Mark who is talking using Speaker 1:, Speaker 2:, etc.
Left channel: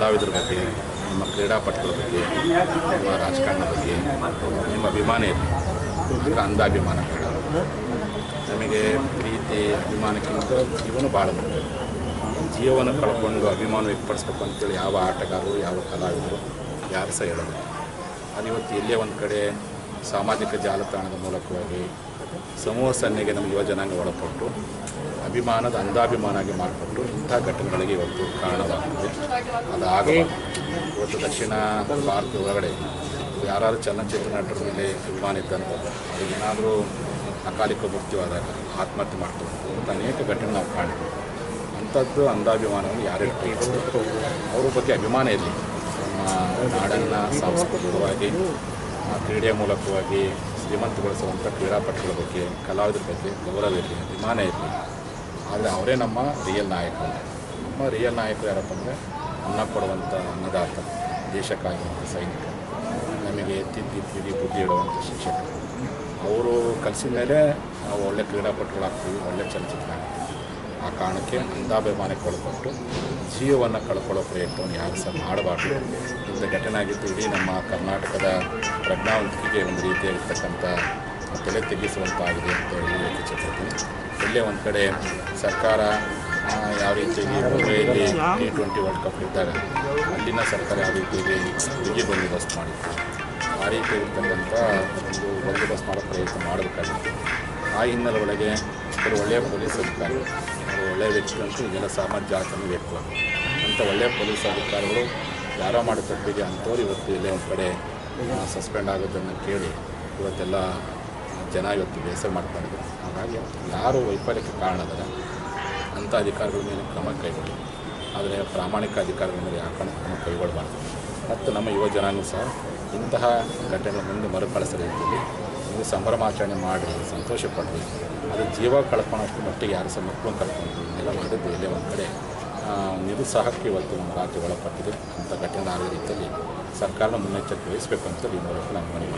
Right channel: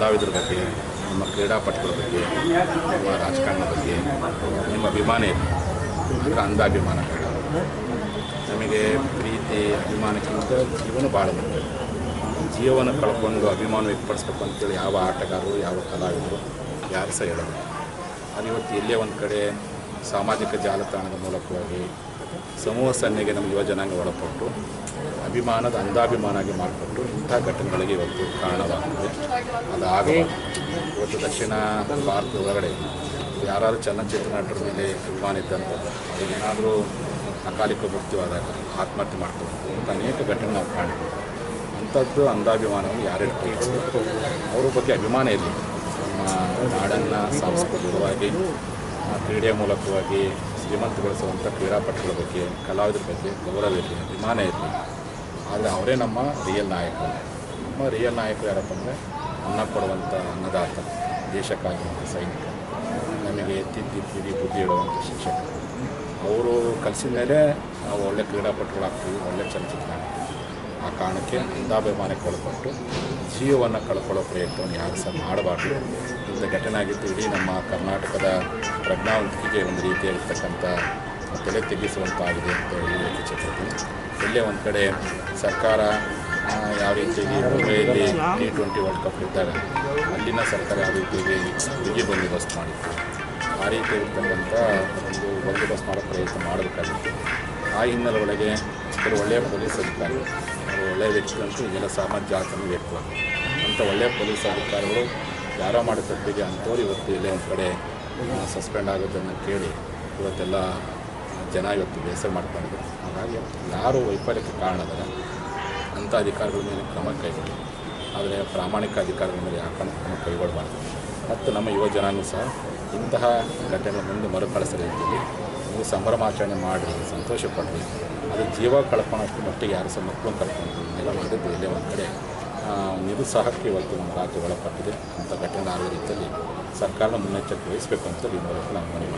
Speaker 1: ಕಲಾವಿದರ ಬಗ್ಗೆ, ನಮ್ಮ ಕ್ರೀಡಾಪಟುಗಳ ಬಗ್ಗೆ, ನಮ್ಮ ರಾಜಕಾರಣದ ಬಗ್ಗೆ, ನಿಮ್ಮ ಅಭಿಮಾನ ಇದೆ ಅಂದರೆ ಅಂಧಾಭಿಮಾನ ಬೇಡ. ನಮಗೆ ಪ್ರೀತಿ, ಅಭಿಮಾನಕ್ಕಿಂತ ಜೀವನ ಭಾಳ ಮುಖ್ಯ. ಜೀವನ ಕಳ್ಕೊಂಡು ಅಭಿಮಾನ ವ್ಯಕ್ತಪಡಿಸ್ಬೇಕು ಅಂತೇಳಿ ಯಾವ ಆಟಗಾರರು, ಯಾವ ಕಲಾವಿದರು, ಯಾರು ಸಹ ಹೇಳೋದು ಅದು ಇವತ್ತು ಎಲ್ಲೇ ಒಂದು ಕಡೆ ಸಾಮಾಜಿಕ ಜಾಲತಾಣದ ಮೂಲಕವಾಗಿ ಸಮೂಹ ಸನ್ನೆಗೆ ನಮ್ಮ ಯುವ ಜನಾಂಗ ಒಳಪಟ್ಟು, ಅಭಿಮಾನದ ಅಂಧಾಭಿಮಾನಾಗಿ ಮಾರ್ಪಟ್ಟು ಇಂಥ ಘಟನೆಗಳಿಗೆ ಇವತ್ತು ಕಾರಣವಾಗುತ್ತದೆ ಅದಾಗಲೇ ಇವತ್ತು ದಕ್ಷಿಣ ಭಾರತದ ಒಳಗಡೆ ಯಾರಾದರೂ ಚಲನಚಿತ್ರ ನಟರ ಮೇಲೆ ಅಭಿಮಾನ ಇದ್ದಂಥದ್ದು ಏನಾದರೂ ಅಕಾಲಿಕ ಮೃತ್ಯುವಾದಾಗ ಆತ್ಮಹತ್ಯೆ ಮಾಡ್ಕೊಂಡು ಅನೇಕ ಘಟನೆ ನಾವು ಕಾಣ್ತೀವಿ. ಅಂಥದ್ದು ಅಂಧಾಭಿಮಾನವನ್ನು ಯಾರು ಅವ್ರ ಬಗ್ಗೆ ಅಭಿಮಾನ ಇರಲಿ. ನಮ್ಮ ನಾಡನ್ನು ಸಾಂಸ್ಕೃತಿಕವಾಗಿ ಕ್ರೀಡೆಯ ಮೂಲಕವಾಗಿ ಶ್ರೀಮಂತಗೊಳಿಸುವಂಥ ಕ್ರೀಡಾಪಟುಗಳ ಬಗ್ಗೆ, ಕಲಾವಿದರ ಬಗ್ಗೆ ಗೌರವ ಇರಲಿ, ಅಭಿಮಾನ ಇರಲಿ. ಆದರೆ ಅವರೇ ನಮ್ಮ ರಿಯಲ್ ನಾಯಕರು. ನಮ್ಮ ರಿಯಲ್ ನಾಯಕರು ಯಾರಪ್ಪ ಅಂದರೆ ಅನ್ನ ಕೊಡುವಂಥ ಅನ್ನದಾತ ದೇಶಕ್ಕಾಗಿರುವಂಥ ಸೈನಿಕ. ನಮಗೆ ತಿದ್ದಿ ತಿದ್ದಿ, ಬುದ್ಧಿ ಇಡುವಂಥ ಶಿಕ್ಷಕರು ಅವರು ಕಲಿಸಿದ ಮೇಲೆ ನಾವು ಒಳ್ಳೆ ಕ್ರೀಡಾಪಟುಗಳಾಗ್ತೀವಿ, ಒಳ್ಳೆ ಚಲನಚಿತ್ರ ಆಗ್ತೀವಿ ಆ ಕಾರಣಕ್ಕೆ ಅಂಧಾಭಿಮಾನಕ್ಕೆ ಒಳಪಟ್ಟು ಜೀವವನ್ನು ಕಳ್ಕೊಳ್ಳೋ ಪ್ರಯತ್ನವನ್ನು ಯಾರು ಸಹ ಮಾಡಬಾರ್ದು. ಇಂಥ ಘಟನೆ ಆಗಿತ್ತು ಇಡೀ ನಮ್ಮ ಕರ್ನಾಟಕದ ಪ್ರಜ್ಞಾವಂತಿಕೆಗೆ ಒಂದು ರೀತಿಯಾಗಿರ್ತಕ್ಕಂಥ ತಲೆ ತೆಗೆಸುವಂತಾಗಿದೆ ಅಂತ ಹೇಳಿ ಚಿತ್ರಕ್ಕೆ ಇಲ್ಲೇ ಒಂದು ಕಡೆ ಸರ್ಕಾರ ಯಾವ ರೀತಿಯಾಗಿ ಮುಂಬೈಯಲ್ಲಿ ಟಿ ಟ್ವೆಂಟಿ ವರ್ಲ್ಡ್ ಕಪ್ ಇದ್ದಾಗ ಅಲ್ಲಿನ ಸರ್ಕಾರ ಯಾವ ರೀತಿಯಾಗಿ ಬಿಗಿ ಬಂದೋಬಸ್ತ್ ಮಾಡಿತ್ತು, ಆ ರೀತಿ ಇರ್ತಕ್ಕಂಥ ಒಂದು ಬಂದೋಬಸ್ತ್ ಮಾಡೋ ಪ್ರಯತ್ನ ಮಾಡಬೇಕಾಗಿತ್ತು. ಆ ಹಿನ್ನೆಲೆ ಒಳಗೆ ಕೆಲವು ಒಳ್ಳೆಯ ಪೊಲೀಸ್ ಅಧಿಕಾರಿಗಳು ಒಳ್ಳೆಯ ವ್ಯಕ್ತಿಗಳಂತೂ ಈಗೆಲ್ಲ ಸಾಮಾನ್ಯ ಜಾತನ್ನು ವ್ಯಕ್ತಿ ಅಂಥ ಒಳ್ಳೆಯ ಪೊಲೀಸ್ ಅಧಿಕಾರಿಗಳು ಯಾರೋ ಮಾಡೋ ತಪ್ಪಿಗೆ ಅಂಥವ್ರು ಇವತ್ತು ಇಲ್ಲೇ ಒಂದು ಕಡೆ ಸಸ್ಪೆಂಡ್ ಆಗೋದನ್ನು ಕೇಳಿ ಇವತ್ತೆಲ್ಲ ಜನ ಇವತ್ತು ಬೇಸರ ಮಾಡ್ಕೊಂಡಿದ್ರು. ಹಾಗಾಗಿ ಯಾರು ವೈಫಲ್ಯಕ್ಕೆ ಕಾರಣದಾರೆ ಅಂಥ ಅಧಿಕಾರಿಗಳ ಮೇಲೆ ಕ್ರಮ ಕೈಗೊಳ್ಳಿ. ಆದರೆ ಪ್ರಾಮಾಣಿಕ ಅಧಿಕಾರಿಗಳ ಮೇಲೆ ಯಾಕೆ ಕ್ರಮ ಕೈಗೊಳ್ಳಬಾರ್ದು. ಮತ್ತು ನಮ್ಮ ಯುವ ಜನನೂ ಸಹ ಇಂತಹ ಘಟನೆಗಳ ಮುಂದೆ ಮರುಕಳಿಸ ರೀತಿಯಲ್ಲಿ ನೀವು ಸಂಭ್ರಮಾಚರಣೆ ಮಾಡಿ, ಸಂತೋಷ ಅದು ಜೀವ ಕಳ್ಕೊಳ್ಳೋಷ್ಟು ಮಟ್ಟಿಗೆ ಯಾರು ಸಹ ಮಕ್ಕಳು ಕಳ್ಕೊಂಡು ಎಲ್ಲ ಮಾಡಿದ್ದು ಇಲ್ಲೇ ಒಂದು ಕಡೆ. ನಿರುತ್ಸಾಹಕ್ಕೆ ಇವತ್ತು ನಮ್ಮ ರಾಜ್ಯ ಒಳಪಟ್ಟಿದೆ. ಅಂತ ಘಟನೆ ಆಗದ ರೀತಿಯಲ್ಲಿ ಸರ್ಕಾರದ ಮುನ್ನೆಚ್ಚರಿಕೆ ವಹಿಸಬೇಕು ಅಂತ ಈ ಮೂಲಕ ನಾನು ಮನವಿ